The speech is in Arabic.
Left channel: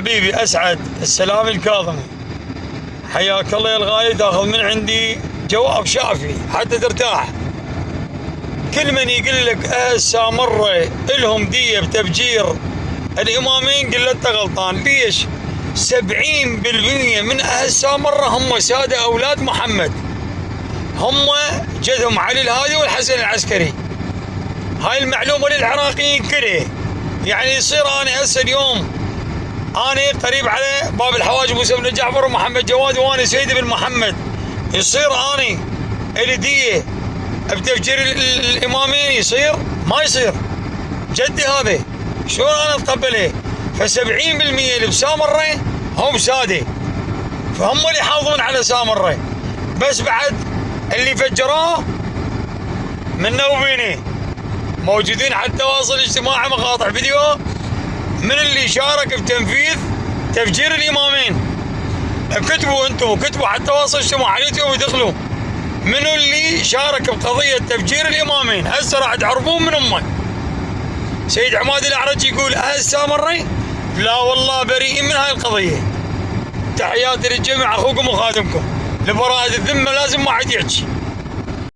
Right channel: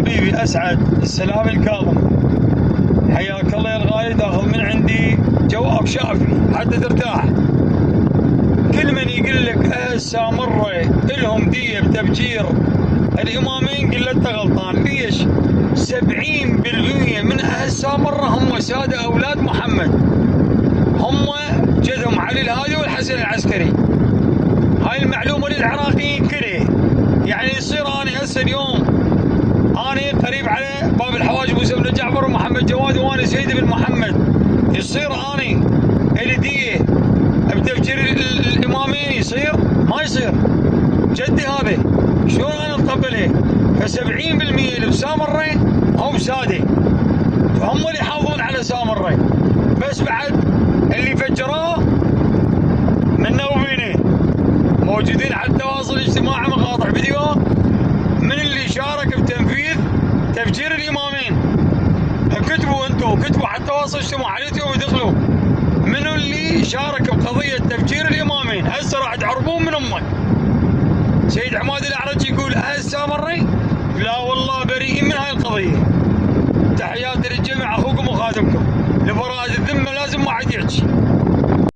حبيبي اسعد السلام الكاظم، حياك الله يا الغالي. تاخذ من عندي جواب شافي حتى ترتاح. كل من يقول لك سامره الهم ديه بتفجير الامامين قل له انت غلطان. ليش؟ 70% من اهل سامره هم ساده اولاد محمد، هم جدهم علي الهادي والحسن العسكري. هاي المعلومه للعراقيين كله. يعني يصير انا هسه اليوم انا قريب على باب الحواج موسى بن جعفر ومحمد جواد وانا سيد بن محمد، يصير انا الي ديه بتفجير الامامين؟ يصير؟ ما يصير. جدي هذا شلون انا اتقبله؟ ف70% اللي بسامره هم ساده، فهم اللي يحافظون على سامره. بس بعد اللي فجروه منا وبينه موجودين على التواصل الاجتماعي مقاطع فيديو من اللي شارك بتنفيذ تفجير الامامين. اكتبوا انتم، كتبوا على التواصل الاجتماعي على اليوتيوب ودخلوا منو اللي شارك بقضيه تفجير الامامين. هسه راح تعرفون من امه. سيد عماد الاعرج يقول اهل سامره لا والله بريئين من هاي القضيه. تحياتي للجميع، اخوكم وخادمكم. لبراءة الذمه لازم ما حد يحكي.